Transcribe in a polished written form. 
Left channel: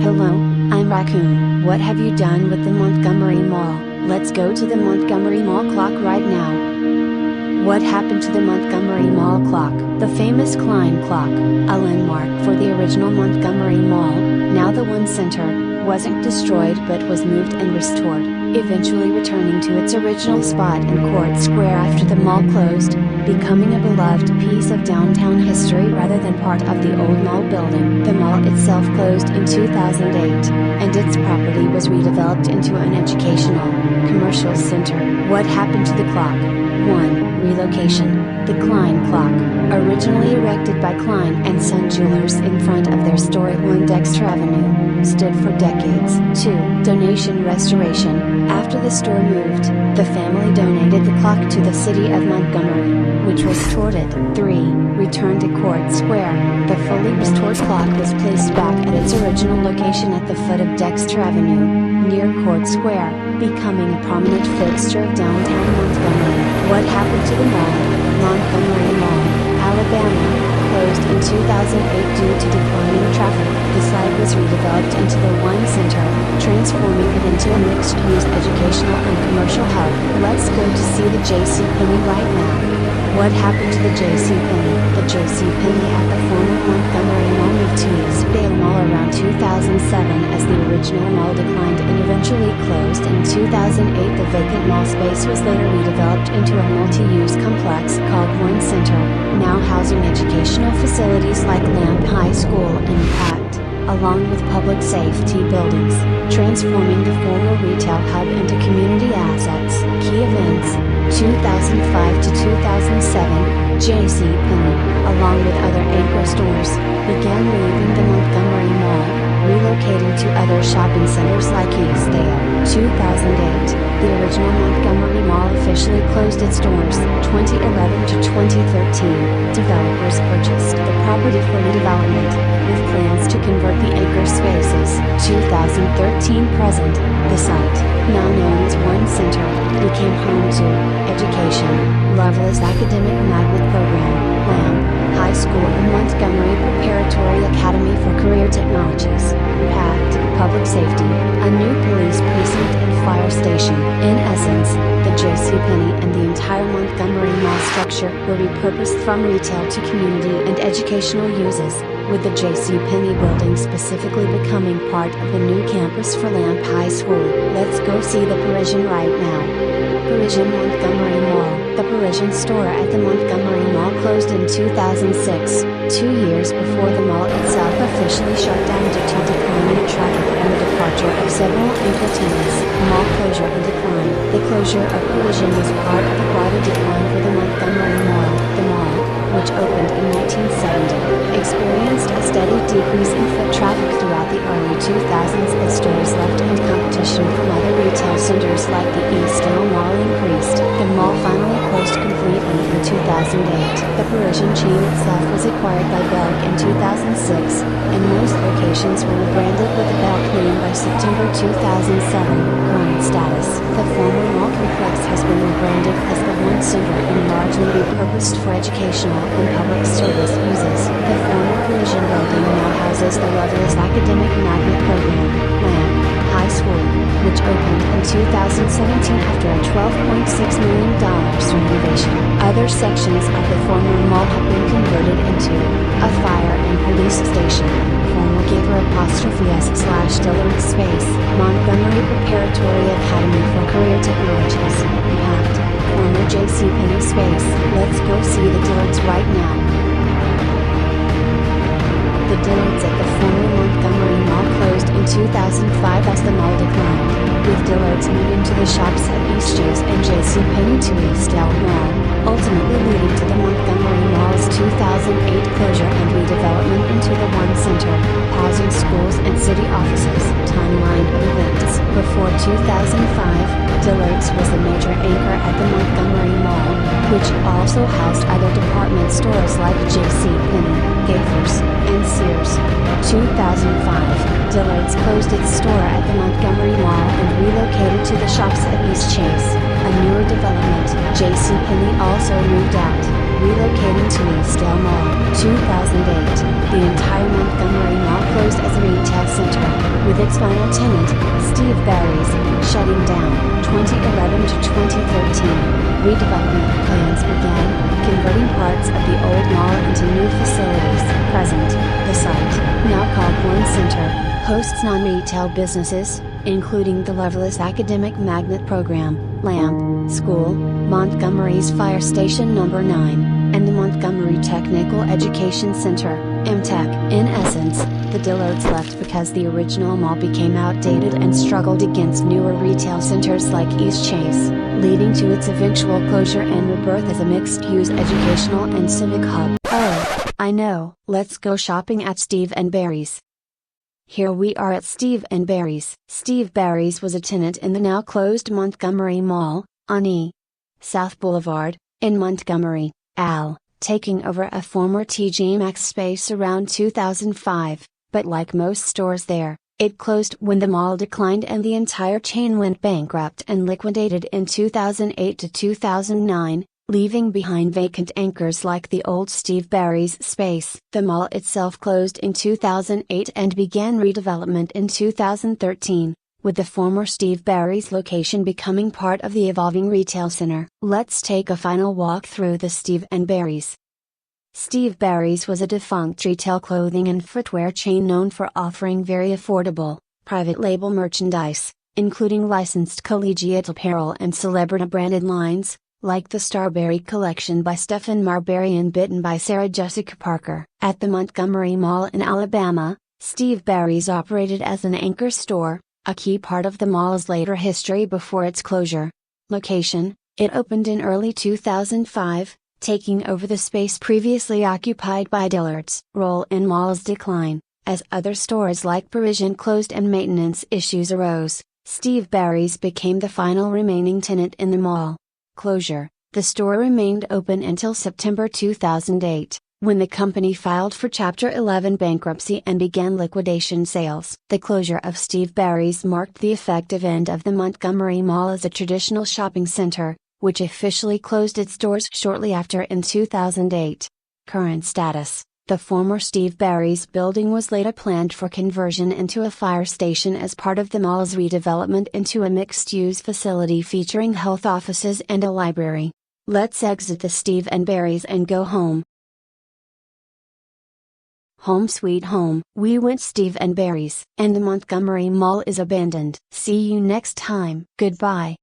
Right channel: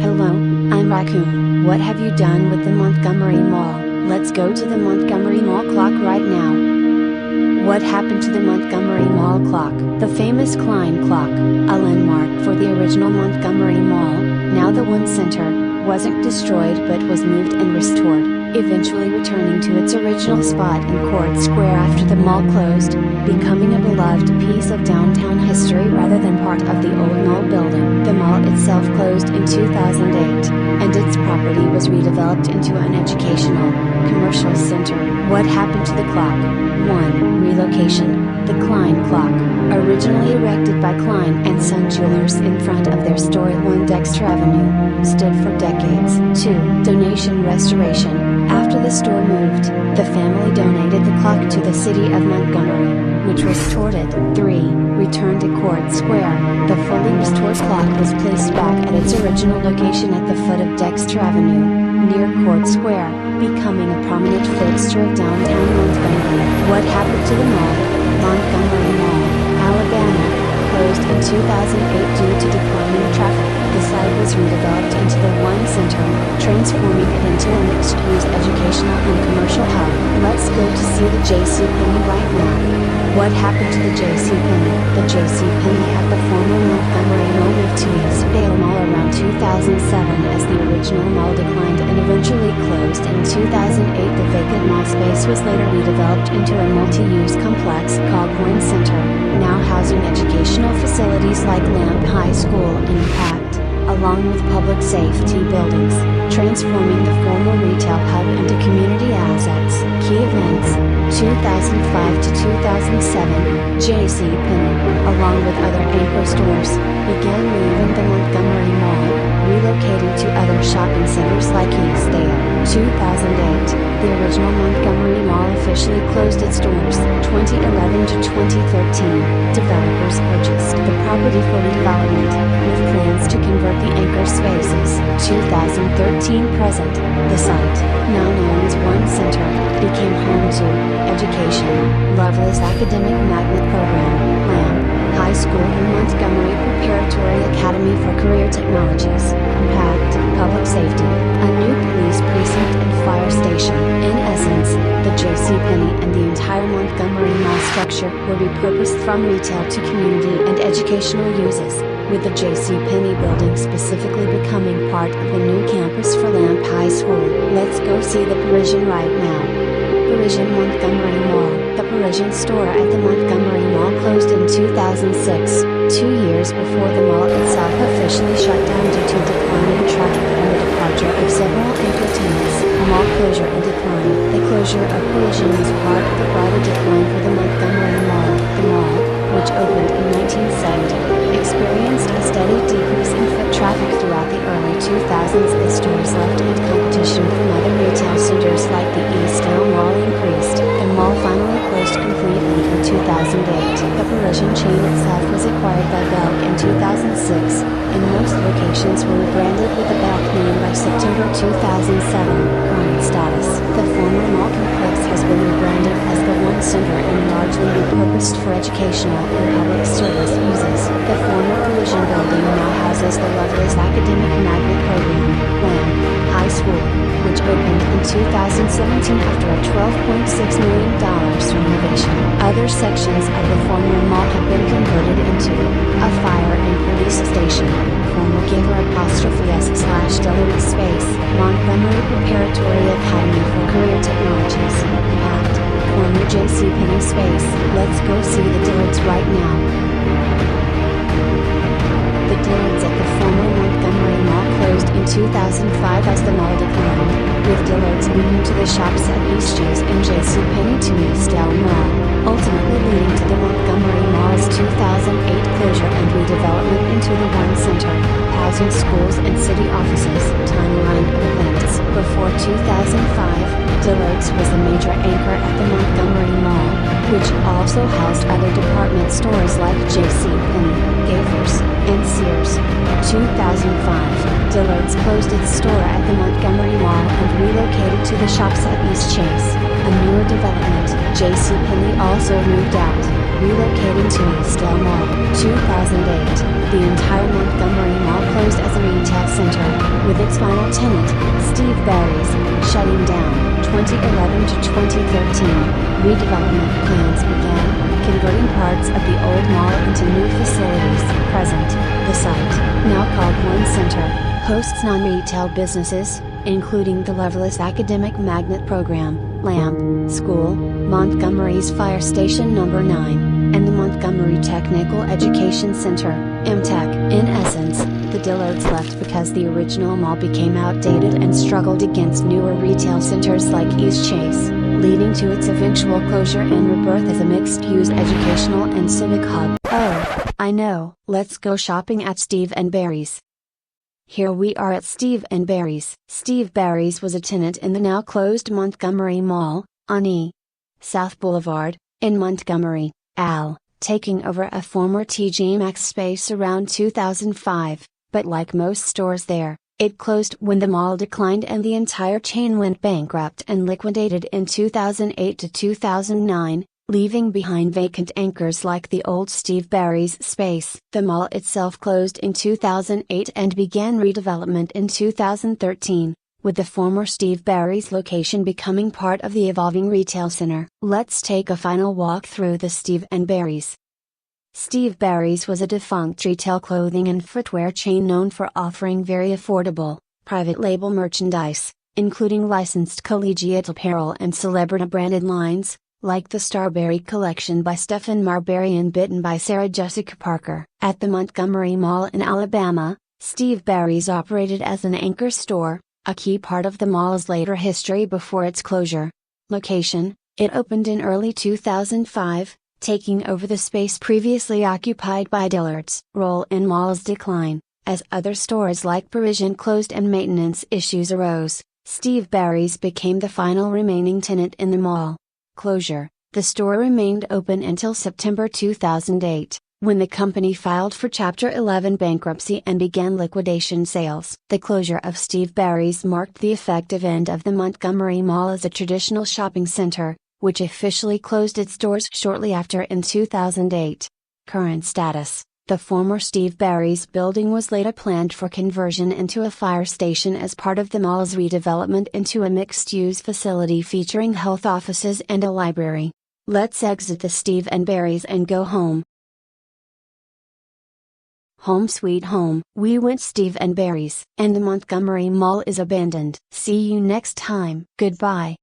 Hello, I'm Raccoon. What have you done with the Montgomery Mall? Let's go to the Montgomery Mall clock right now. What happened to the Montgomery Mall clock? The famous Klein clock, a landmark for the original Montgomery Mall, now the One Center, wasn't destroyed but was moved and restored, eventually returning to its original spot in Court Square after the mall closed, becoming a beloved piece of downtown history rather than part of the old mall building. The mall itself closed in 2008, and its property was redeveloped into an educational, commercial center. What happened to the clock? 1. Relocation. The Klein clock, originally erected by Klein and Son Jewelers in front of their store at 1 Dexter Avenue, stood for decades. 2. Donation restoration. After the store moved, the family donated the clock to the city of Montgomery, which restored it. 3. Return to Court Square. The fully restored clock was placed back at its original location at the foot of Dexter Avenue, near Court Square, becoming a prominent fixture of downtown Montgomery. What happened to the mall? Montgomery Mall, Alabama, closed in 2008 due to declining traffic. The site was redeveloped into the One Center, transforming it into a mixed-use educational and commercial hub. Let's go to see the JCPenney right now. What happened to the JCPenney? The JCPenney at the former Montgomery Mall moved to Eastdale Mall around 2007 as the original mall declined and eventually closed in 2008. The vacant mall space was later redeveloped into a multi-use complex called One Center, now housing educational facilities like Lamp High School and PACT, along with public safety buildings, transforming the former retail hub into community assets. Key events: 2005 to 2007, JCPenney, along with other anchor stores, began leaving the Montgomery Mall, relocating to other shopping centers like Eastdale. 2008, the original Montgomery Mall officially closed its doors. 2011 to 2013, developers purchased the property for redevelopment, with plans to convert the anchor spaces. 2013 present, the site, now known as One Center, became home to Education, Loveless Academic Magnet Program, LAMP, High School and Montgomery Preparatory Academy for Career Technologies, Impact, Public Safety, a new police precinct and fire station. In essence, the JCPenney and the entire Montgomery Mall structure were repurposed from retail to community and educational uses, with the JCPenney building specifically becoming part of the new campus for Lamp High School. Let's go see the Parisian right now. Parisian Montgomery Mall. The Parisian store at the Montgomery Mall closed in 2006, 2 years before the mall itself officially shut down due to declining traffic and the departure of several anchor tenants. Mall closure and decline. The closure of Parisian was part of a broader decline for the Montgomery Mall. The mall, which opened in 1970, experienced a steady decrease in foot traffic throughout the early 2000s as stores left and competition from other retail centers like the Eastdale Mall increased. The mall finally closed completely in 2008. The Parisian chain itself was acquired by Belk in 2006, and most locations were rebranded with the Belk name by September 2007. Current status: the former mall complex has been rebranded as the One Center and largely repurposed for educational and public service uses. The former Parisian building now houses the Loveless Academic Magnet Program, LAMP, High School, which opened in 2017 after a $12.6 million renovation. Other sections of the former mall have been converted into a fire and police station, former Giver''s/Dillard space, Montgomery Preparatory Academy for Career Technologies, Impact, former JCPenney space. Let's go see the Dillards right now. The Dillards at the former Montgomery Mall closed in 2005 as the mall declined, with Dillards moving to the shops at Eastchase and JCPenney to Eastdale Mall, ultimately leading to the Montgomery Mall's 2008 closure and redevelopment into the One Center, housing schools and city offices. Timeline of events: before 2005, Dillard's was the major anchor at the Montgomery Mall, which also housed other department stores like JCPenney, Gaffer's, and Sears. 2005, Dillard's closed its store at the Montgomery Mall and relocated to the shops at Eastchase, a newer development. JCPenney also moved out, relocating to Eastdale Mall. 2008, the entire Montgomery Mall closed as a retail center, with its final tenant, Steve Barry's, shutting down. 2011 to 2013, redevelopment plans began, converting parts of the old mall into new facilities. Present, the site, now called One Center, hosts non-retail businesses, including the Loveless Academic Magnet Program, LAMP, School, Montgomery's Fire Station No. 9, and the Montgomery Technical Education Center, MTech. In essence, the Dillards left because the original mall became outdated and struggled against newer retail centers like East Chase, leading to its eventual closure and rebirth as a mixed-use educational and civic hub. Oh, I know. Let's go shopping at Steve & Barry's. Here we are at Steve & Barry's. Steve Barry's was a tenant in the now closed Montgomery Mall, on E. South Boulevard, in Montgomery, AL, taking over a former TJ Maxx space around 2005, but like most stores there, it closed when the mall declined and the entire chain went bankrupt and liquidated in 2008 to 2009, leaving behind vacant anchors like the old Steve Barry's space. The mall itself closed in 2008 and began redevelopment in 2013, with the former Steve Barry's location becoming part of the evolving retail center. Let's take a final walk through the Steve & Barry's. Steve Barry's was a defunct retail clothing and footwear chain known for offering very affordable, private label merchandise, including licensed collegiate apparel and celebrity-branded lines, like the Starberry collection by Stephen Marbury and Bitten by Sarah Jessica Parker. At the Montgomery Mall in Alabama, Steve Barry's operated as an anchor store, a key part of the mall's later history before its closure. Location: it opened in early 2005, taking over the space previously occupied by Dillard's. Role in mall's decline: as other stores like Parisian closed and maintenance issues arose, Steve Barry's became the final remaining tenant in the mall. Closure: the store remained open until September 2008, when the company filed for Chapter 11 bankruptcy and began liquidation sales. The closure of Steve Barry's marked the effective end of the Montgomery Mall as a traditional shopping center, which officially closed its doors shortly after in 2008. Current status: the former Steve Barry's building was later planned for conversion into a fire station as part of the mall's redevelopment into a mixed-use facility featuring health offices and a library. Let's exit the Steve & Barry's and go home. Home sweet home. We went Steve & Barry's, and the Montgomery Mall is abandoned. See you next time. Goodbye.